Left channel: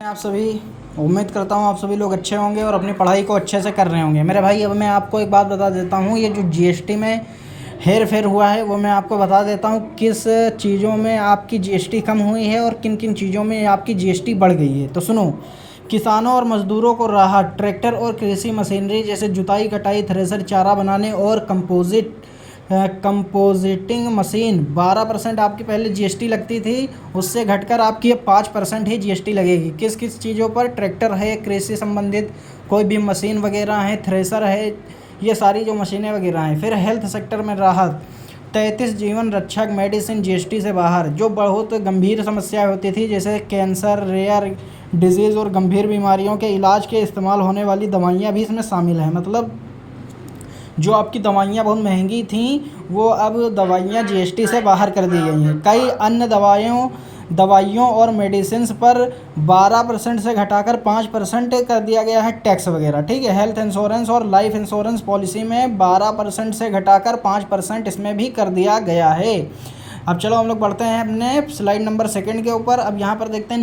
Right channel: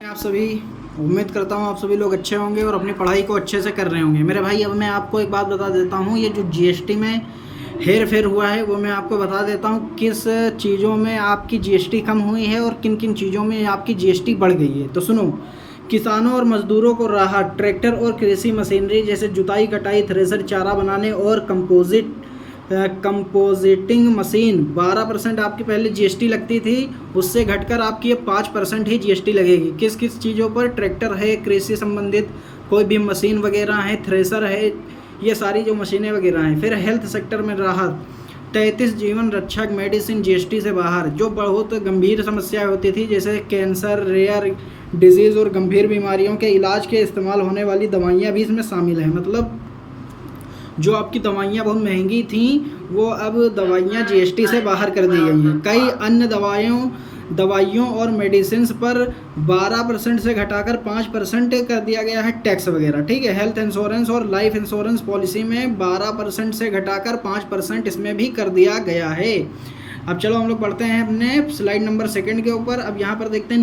आप सभी उम्मीद करता हूँ आप सभी लोग अच्छे होंगे और अपनी पढ़ाई को अच्छे से कर रहे होंगे। मेरे भाई, अब मैं आपको एक बात बता देता हूँ, ये जो जीएसटी में हेर फेर हुआ है वो मैं आपको बता देता हूँ। किस चीज़ों में आपकी जीएसटी कम हुई है और किन किन चीज़ों में आपकी जीएसटी बढ़ गई है। तो सुनो, किसानों और मजदूरों को राहत। ट्रैक्टर और कृषि मशीनरी जैसे जुताई, कटाई, थ्रेसर, चारा बनाने और कंपोजिटिंग मशीन 12% आपकी पहले जीएसटी लगती थी, उससे घटकर आपकी अब 5% ही जीएसटी लगेगी। किस किस चीज़ों पर? ट्रैक्टर है, कृषि संबंधित कोई भी मशीन वगैरह है, थ्रेसर है, ये सारी जो मशीनें वगैरह हैं। फिर हेल्थ सेक्टर में राहत। 33 जीवन रक्षक मेडिसिन जीएसटी से बाहर। जो बहुत गंभीर समस्याएं होती थी जैसे कैंसर, रेयर डिजीज़ और गंभीर बीमारियों के इलाज के इस्तेमाल होने वाली दवाइयाँ भी इसमें शामिल हैं। मतलब जो आपकी दवाइयाँ बहुत महंगी थीं वो अब दवाइयाँ जीएसटी से बाहर कर दी गई हैं। कई अन्य दवाइयों और मेडिसिन्स पर 12% से घटाकर 5% कर दिया गया है टैक्स वगैरह। ठीक है। हेल्थ इंश्योरेंस और लाइफ इंश्योरेंस पॉलिसी में 12% से घटाकर 5% इसमें भी कर दिया गया है। अब चलो हम लोग बढ़ते हैं अपने स्लाइड नंबर 2 के ऊपर। अब यहाँ पर देखते हैं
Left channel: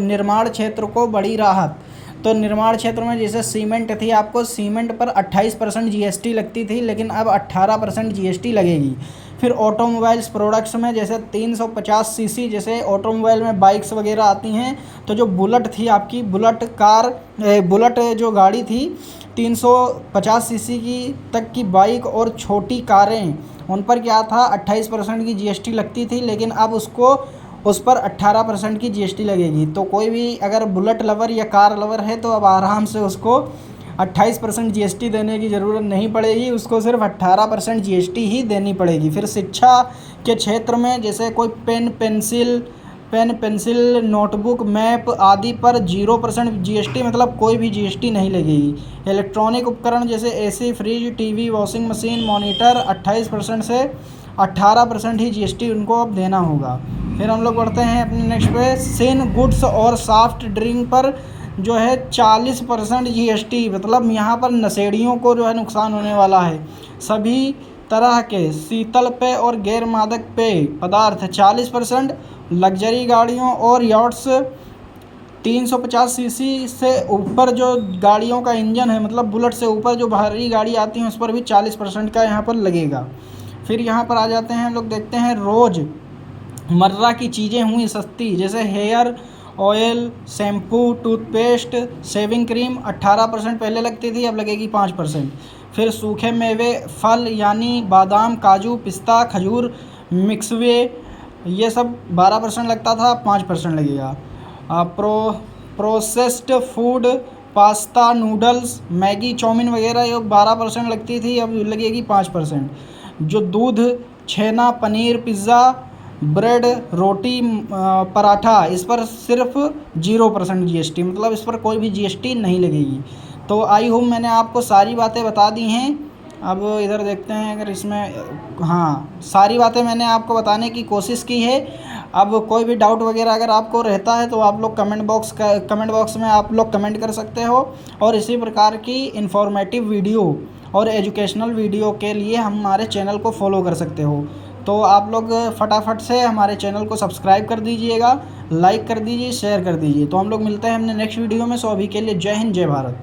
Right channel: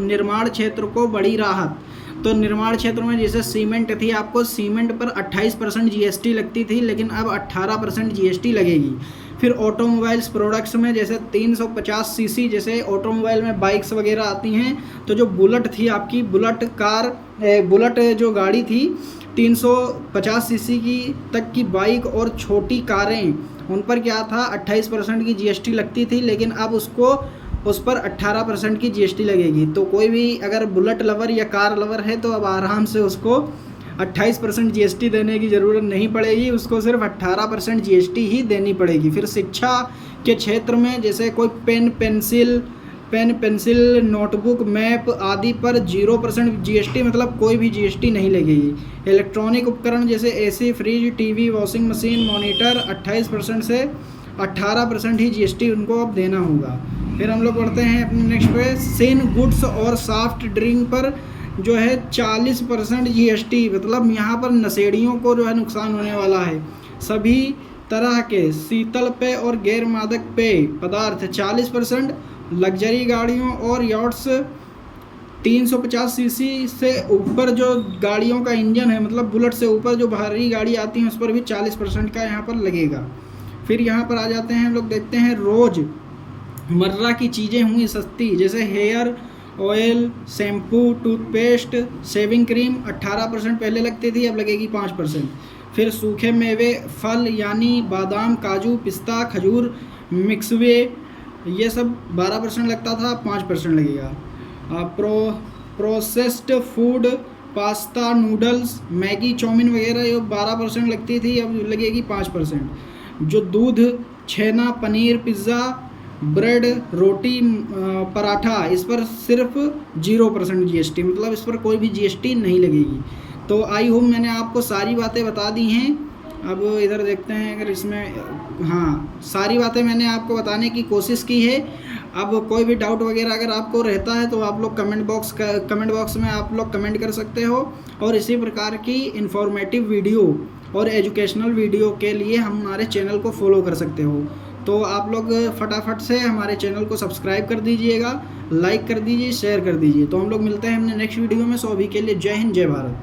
निर्माण क्षेत्र को बड़ी राहत। तो निर्माण क्षेत्र में जैसे सीमेंट थी, आपको सीमेंट पर 28% जीएसटी लगती थी, लेकिन अब 18% जीएसटी लगेगी। फिर ऑटोमोबाइल्स प्रोडक्ट्स में जैसे 350 सीसी, जैसे ऑटोमोबाइल में बाइक्स वगैरह आती हैं, तो जो बुलेट थी आपकी, बुलेट जो गाड़ी थी 350 सीसी की तक की बाइक और छोटी कारें, उन पर क्या था 28% की जीएसटी लगती थी, लेकिन अब उस पर 18% की जीएसटी लगेगी। तो कोई भी अगर बुलेट लवर या कार लवर है तो अब आराम से उसको 28% जीएसटी देने की ज़रूरत नहीं पड़ेगी, उसको सिर्फ 18% जीएसटी ही देनी पड़ेगी। फिर शिक्षा के क्षेत्र में जैसे कोई पेन पेंसिल, नोटबुक, मैप आदि पर 0% जीएसटी, मतलब कोई भी जीएसटी नहीं लगेगी। इलेक्ट्रॉनिक उपकरण जैसे AC, fridge, TV, washing machine, monitor 28% से 18% ही जीएसटी उनको अब देना होगा। फिर हम लोग बढ़ते हैं अपने नेक्स्ट पे। सेन गुड्स और सॉफ्ट ड्रिंक पर जो है 40% जीएसटी, मतलब यहाँ पर नशेड़ियों को जो है नुकसान होने वाला है। सभी तरह के शीतल पेय और गैर मादक पेय पदार्थ 40%। लग्जरी गाड़ियों और यॉट्स 350 सीसी से ऊपर जो गाड़ियों का इंजन है, मतलब बुलेट से ऊपर जो भारी गाड़ी आती हैं उस पर भी 40% का यहाँ पर लगेगा। फिर यहाँ पर आ जाते हैं हम लोग, देखते हैं रोज़मर्रा की चीज़ें हुई सस्ती, जैसे hair oil, shampoo, toothpaste, shaving cream 18% पहले लगती थी, अब लगेगी 5%। फिर सूखे मेवे, फल यानी बादाम, काजू, पिस्ता, खजूर, मिक्सवे, ये सब 12% लगता था, 5% लगेगा। Processed food, pasta, noodles, Maggi, chow mein वगैरह ये 12% लगती थी, अब लगेगी 5%। जो दूध, छेना, पनीर, पिज़्ज़ा, ब्रेड, रोटी, पराठा, इस पर सिर्फ 0% जीएसटी, मतलब इस पर कोई भी जीएसटी नहीं लगेगी। तो आई होप मैंने आपको सारी बातें बता दी हैं। अब इधर देखते हैं अगर इसमें, हाँ, सारी बातें मैंने आपको बताने की कोशिश की है। अब कोई भी डाउट वगैरह अगर आपको रहता है तो आप लोग कमेंट बॉक्स में आप लोग कमेंट कर सकते हो। और इसी प्रकार की इन्फॉर्मेटिव वीडियो और एजुकेशनल वीडियो के लिए हमारे चैनल को फॉलो कर सकते हो। तो आप लोग फटाफट से हमारे चैनल को सब्सक्राइब कर दीजिएगा, लाइक कर दीजिए, शेयर कर दीजिए। तो हम लोग मिलते हैं हमने नेक्स्ट वीडियो में। सो अभी के लिए जय हिंद, जय भारत।